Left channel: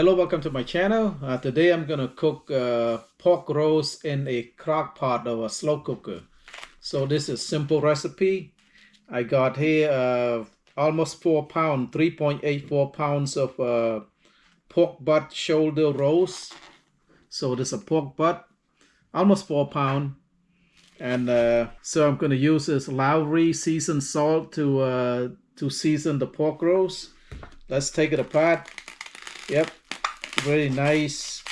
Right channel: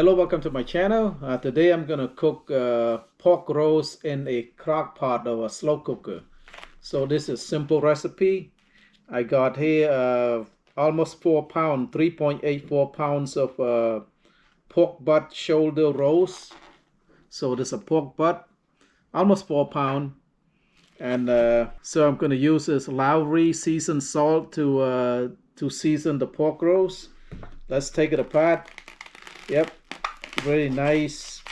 Hello, welcome to my channel. Today I'm gonna cook pork roast in a crock pot or a slow cooker. So this is simple recipe. I got here almost 4 pounds, 3.84 pounds of pork butt shoulder roast. So this is a pork butt, almost 4 pounds. And so I'm gonna use this Lawry seasoned salt to season the pork roast. Let's take it apart. Yep. Very nice.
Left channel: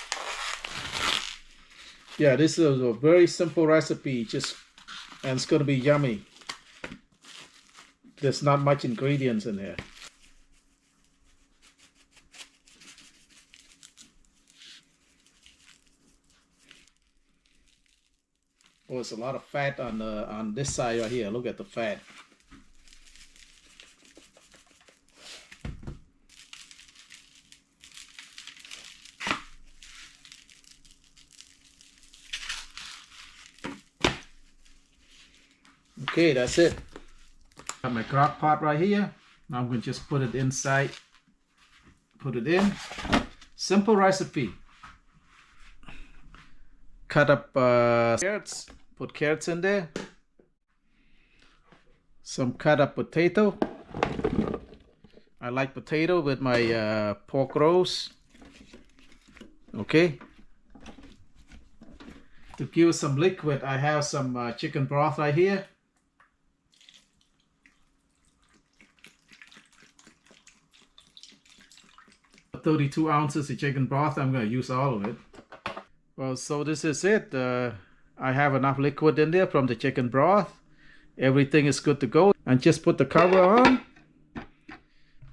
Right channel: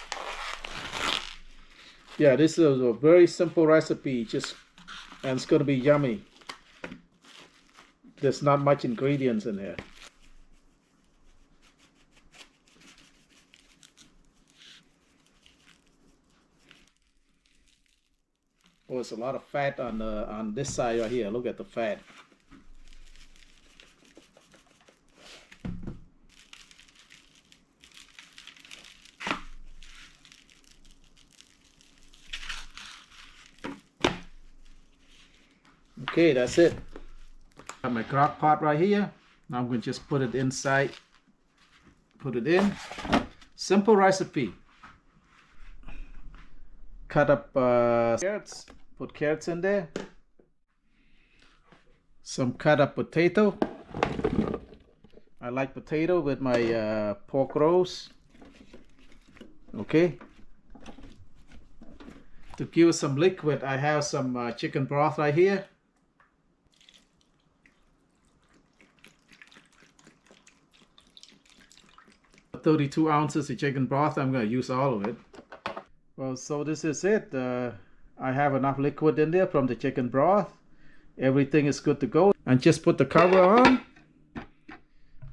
Yeah, this is a very simple recipe, and it's going to be yummy. There's not much ingredients in here. Oh, there's a lot of fat on this side right here. Look at the fat. Okay, that's it. Got my crock pot right here. Now I'm going to just put it inside. Put it in. Simple recipe. Cut up carrots. Put carrots in there. Some cut up potato. I like potato with my pork roast. Okay. To give some liquid, I have some chicken broth right here. $32 ounces of chicken broth. I'm going to use all of it. Well, so this is it. I have enough liquid in there from the chicken broth. Everything is good to go. And just put the cover on.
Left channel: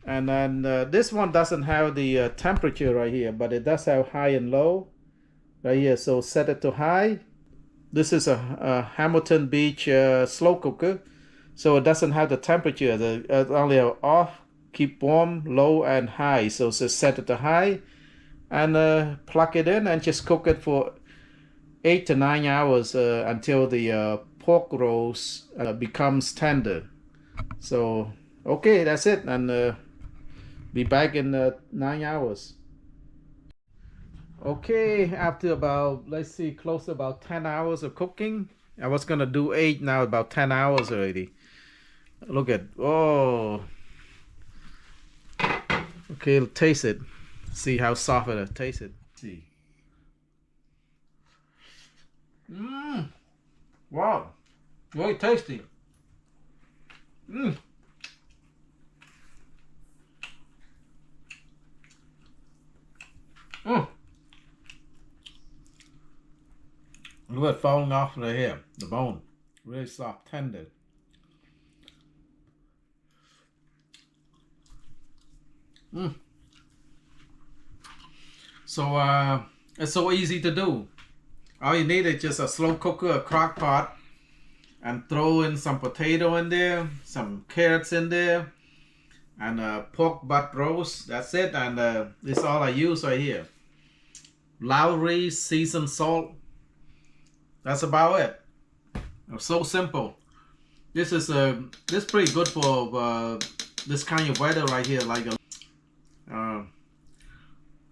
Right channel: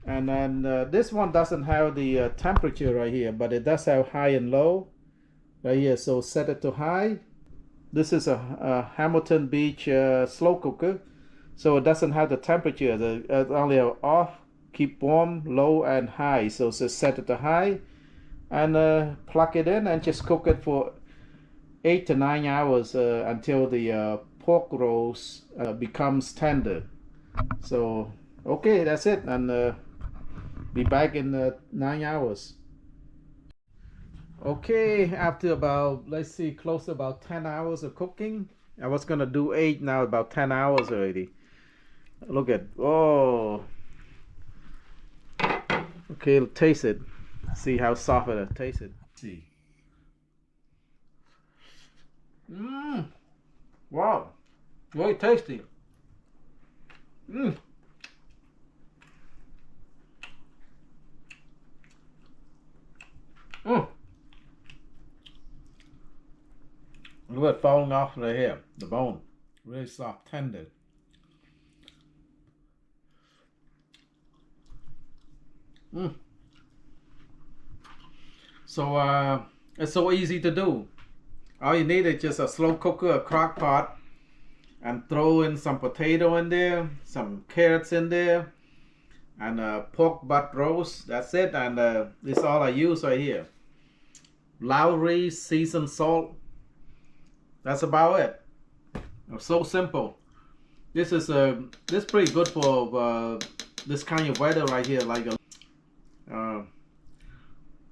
And then this one doesn't have the temperature right here, but it does have high and low right here. So set it to high. This is a Hamilton Beach slow cooker. So it doesn't have the temperature. It's only off. Keep warm, low, and high. So just set it to high and plug it in and just cook it for 8 to 9 hours until the pork roast becomes tender. So, okay, that's it. And be back in 9 hours. Okay, after about, let's see, close to about 10 hours of cooking. I was going to do 8, now about 10 hours already. Look at, oh. Okay, taste it. See how soft it is. Taste it. See. Wow. Very tasty. Look at it falling off right here. The bone. Really soft, tender. So it's so easy to do. All you need is just a slow cooker, a crock pot, and throw in some potato in there, some carrots in there, and pork butt roast. That's it. And this is all I use right here. Lawry seasoned salt. That's about it. It's so simple. This is pretty good for this kind of weather right here, like a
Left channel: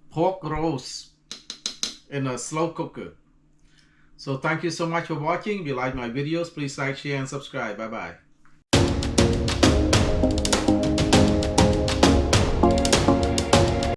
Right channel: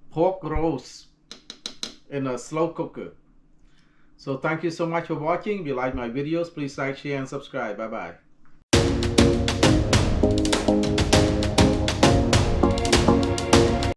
pork roast in a slow cooker. So thank you so much for watching. If you like my videos, please like, share, and subscribe. Bye bye.